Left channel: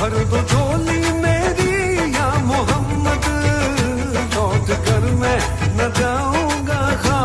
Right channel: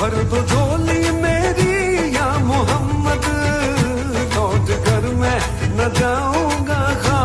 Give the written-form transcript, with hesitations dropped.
भर दो झोली मेरी या मोहम्मद, लौट कर मैं न जाऊंगा।